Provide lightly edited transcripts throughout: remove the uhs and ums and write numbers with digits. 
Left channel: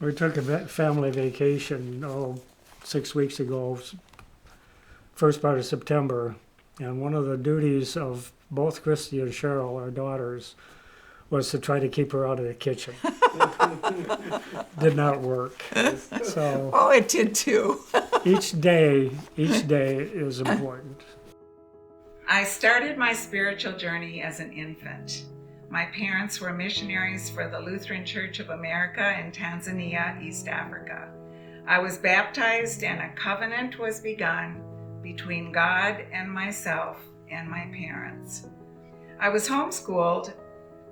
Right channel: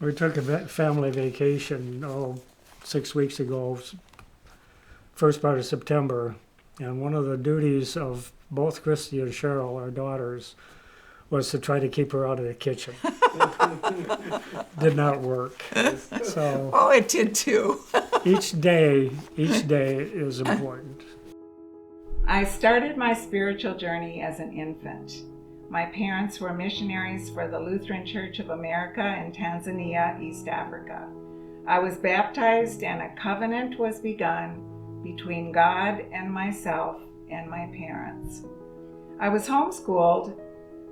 We took a family vacation, 6 weeks ago, first part of September, and one of the duties of both Christy and Cheryl, our daughters, was to try to keep her out of the kitchen. Did not work. So Oh, it did too. each day is important. I started my spiritual journey as an infant. My parents were missionaries for the Lutheran Church of America in Tanzania, East Africa. I was baptized and a covenant was begun between God and myself and my parents. I was homeschooled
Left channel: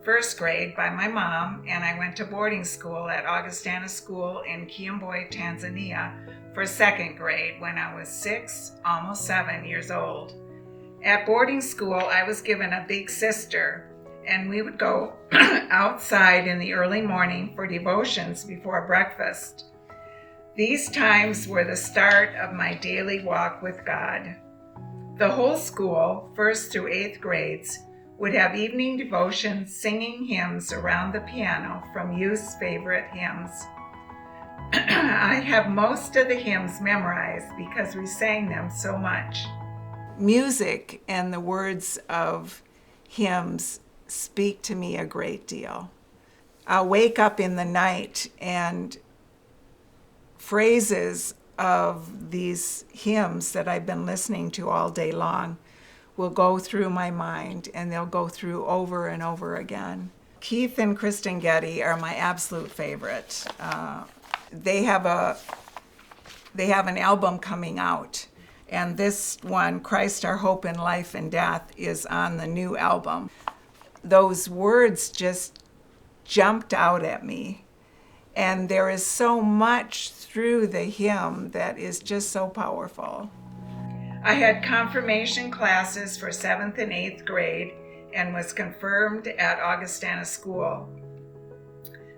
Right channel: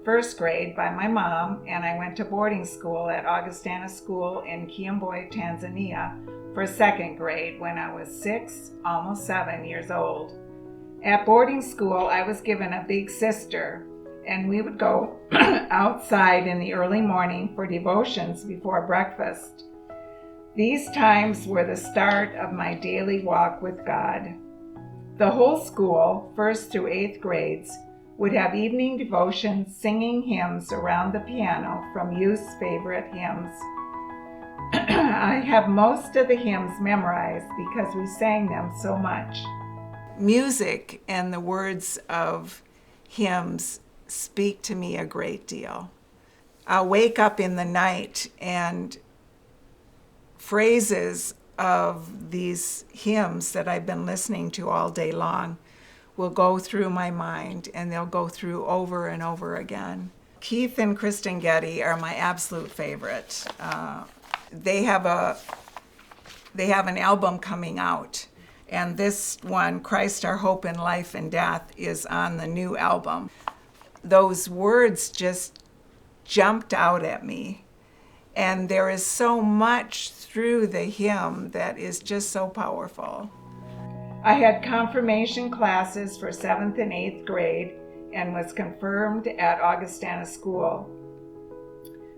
first grade by my mom, and I went to boarding school at Augustana School in Kiamboi, Tanzania for second grade when I was 6, almost 7 years old. At boarding school, I was given a big sister, and we would go outside in the early morning for devotions before breakfast. These times were the start of my daily walk with God. The whole school, 1st through 8th grades, would have evening devotions singing hymns around the piano from youth's favorite hymns. I have most of the hymns memorized because we sang them so much. Music and the words of hymns speak to me a great deal. I'll wake up in the night and phrases of these hymns that I've been listening to all day long will go through my mind, and they'll go through over and over again. Keith and Kristen Getty are my absolute favorite. They have an album coming out, and this one, Christ Our Hope in Life and Death, is on the new album. Those words just jumped out at me, and there is so much through the hymn that is just so powerful. I had confirmation classes for 7th and 8th grade and was confirmed at Augustana School.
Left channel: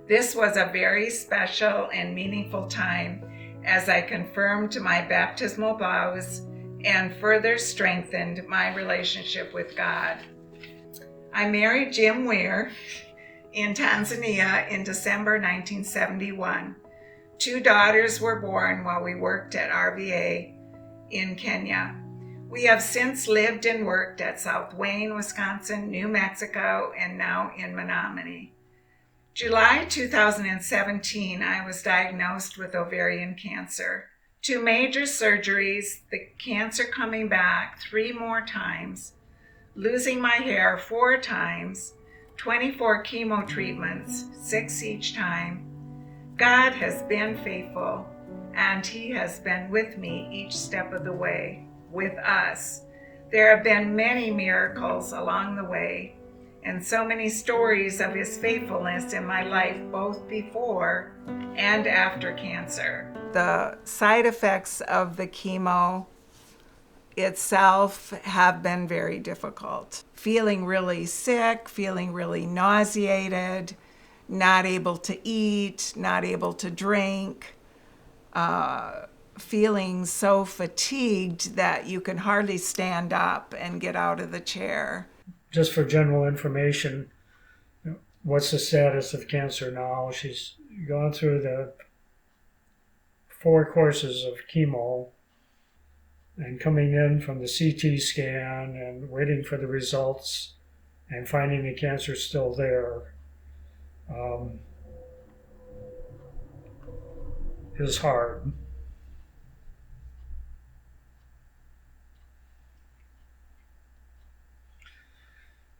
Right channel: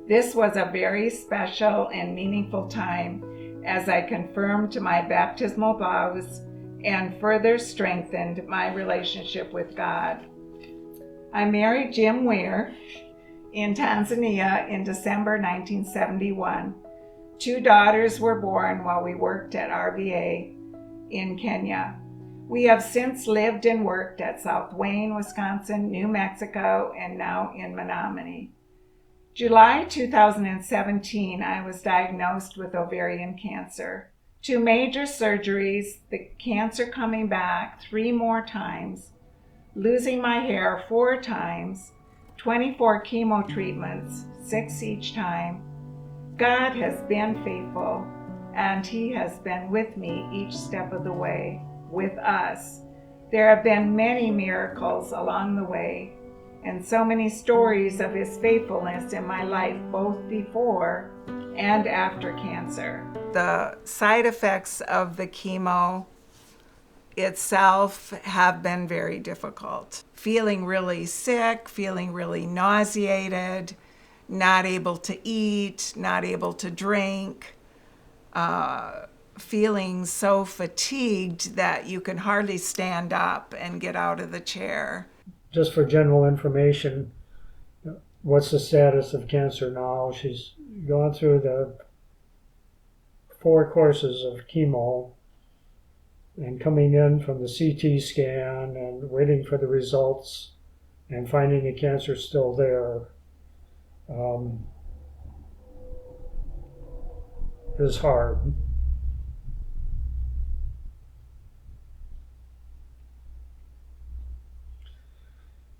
This was a very special and meaningful time as I confirmed my baptismal vows and further strengthened my relationship with God. I married Jim Weir in Tanzania in December 1971. 2 daughters were born while we worked at RVA in Kenya. We have since lived and worked at South Wayne, Wisconsin, New Mexico, and now in Menominee. July 2017, I was diagnosed with ovarian cancer. 2 major surgeries, the cancer coming back 3 more times, losing my hair 4 times, 24 chemo treatments, 6 each time. God has been faithful, and He has been with me each step of the way, with us. There have been many miracles along the way, and so many stories of His faithfulness in my life, both before and after cancer. The side effects of the chemo itself have been very difficult. Feeling really sick, feeling really nauseated, not able to eat, not able to drink, feeling so fatigued that you can hardly stand up and get out of the chair. Just for general information, what's the status of cancer now? She's gone through the 4 courses of chemo and coming in from the CT scan and waiting for the results and finding the cancer still there is hard.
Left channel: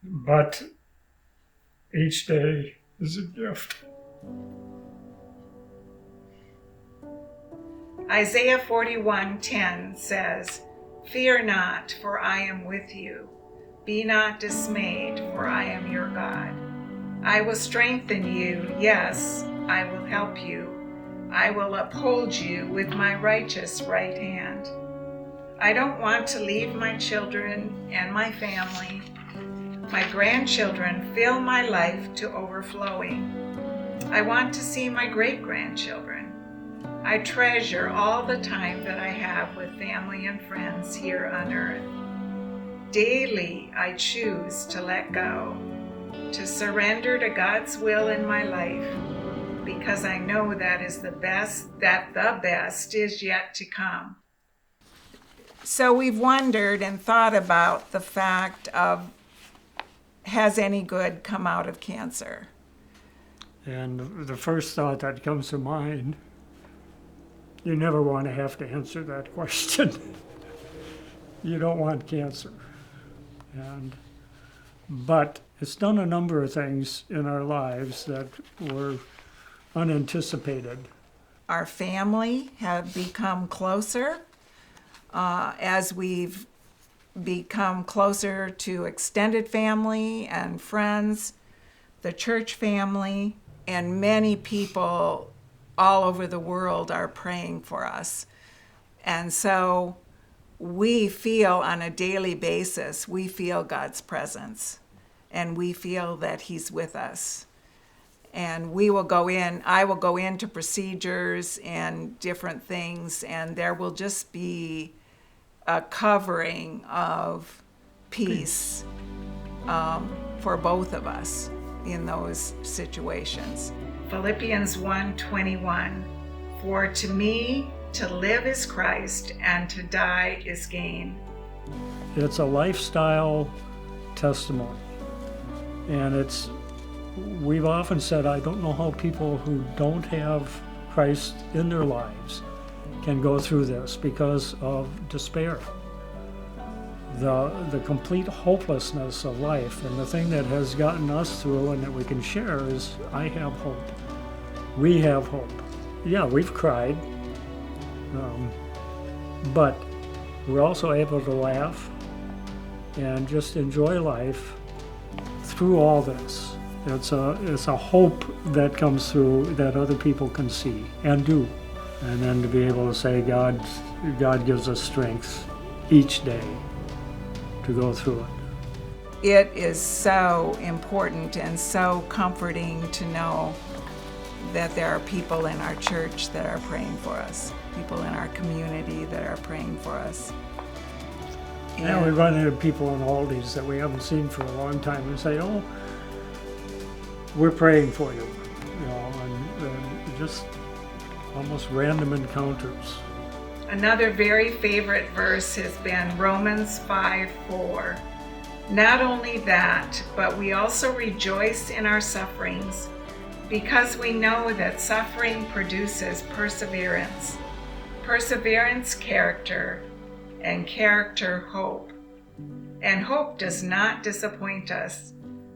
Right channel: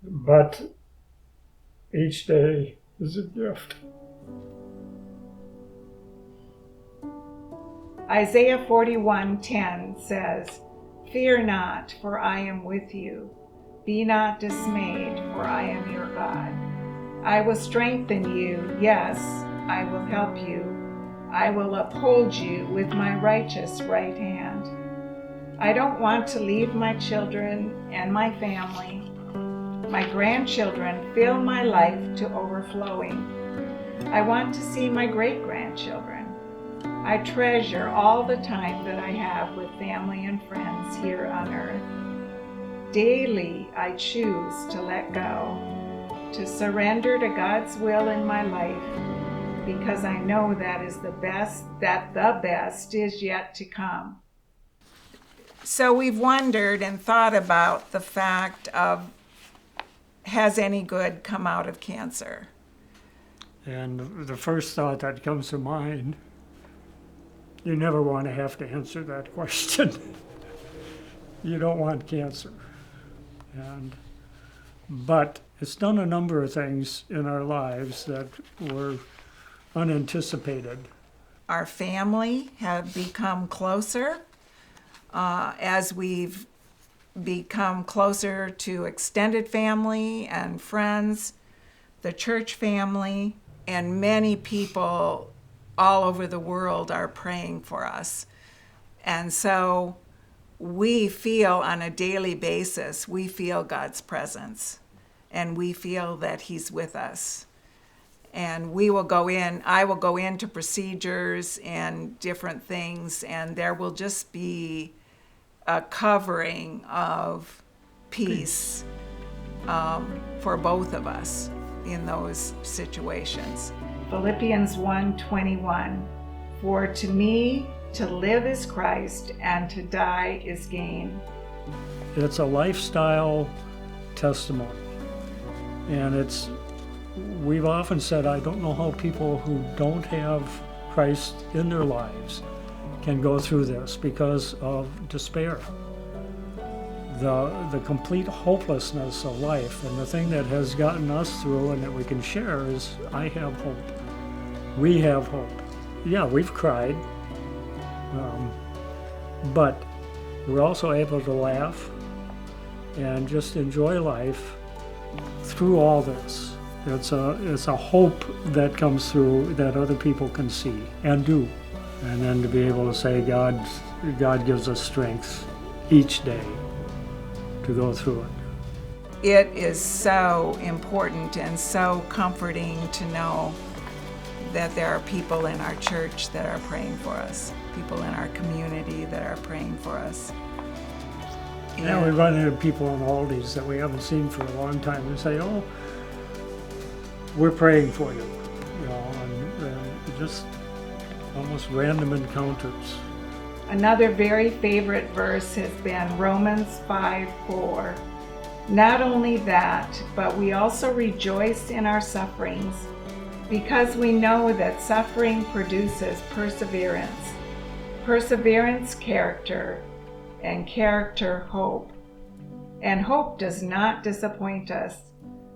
But each day is a gift. Isaiah 41:10 says, "Fear not, for I am with you. Be not dismayed, for I am your God. I will strengthen you. Yes, I will help you. I will uphold you with my righteous right hand." I don't want to leave my children and my family. My grandchildren fill my life to overflowing. I want to see my great-grandchildren. I treasure all the time that I have with family and friends here on earth. Daily, I choose to let go, to surrender to God's will in my life, because I know that the best is yet to come. So we've wondered and thought about the fact of, has any good come out of cancer? And the first thought that comes to mind, you never want to have to answer that question. You don't want cancer. But it's done a number of things in our lives that were unanticipated. Our family have become closer as we've become closer to extended family and friends, the church family, and many people all over the world are praying for us. And so we feel on a daily basis, we feel God's presence, and we feel that He's with us. And I will go into procedures and different things, and there will just be a covering of peace for both of us in those situations. Philippians 1:21, for to me to live is Christ and to die is gain. It's a lifestyle testimony. And we've often said, I don't know how people who don't have Christ in their lives can go through this because of despair. The complete hopelessness of life, and the thing that has gotten us through and that we can share is, I have hope. We have hope. Yeah, we've cried, but we're also able to laugh and just enjoy life through all this. It's a hope that comes through that other people can see and do. And then to be able to say God gives us strength each day to go through it. It is so important and so comforting to know that there are people in our church that are praying for us, people in our community that are praying for us. And we run into people in Aldi's that we haven't seen for a long time and say, oh, we're praying for you, and just almost random encounters. Another very favorite verse has been Romans 5:4. Not only that, but we also rejoice in our sufferings, because we know that suffering produces perseverance, perseverance character, and character hope. And hope does not disappoint us,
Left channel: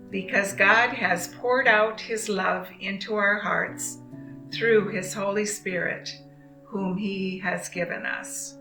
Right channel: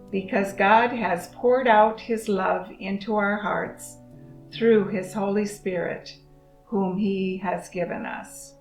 because God has poured out His love into our hearts through His Holy Spirit, whom He has given us.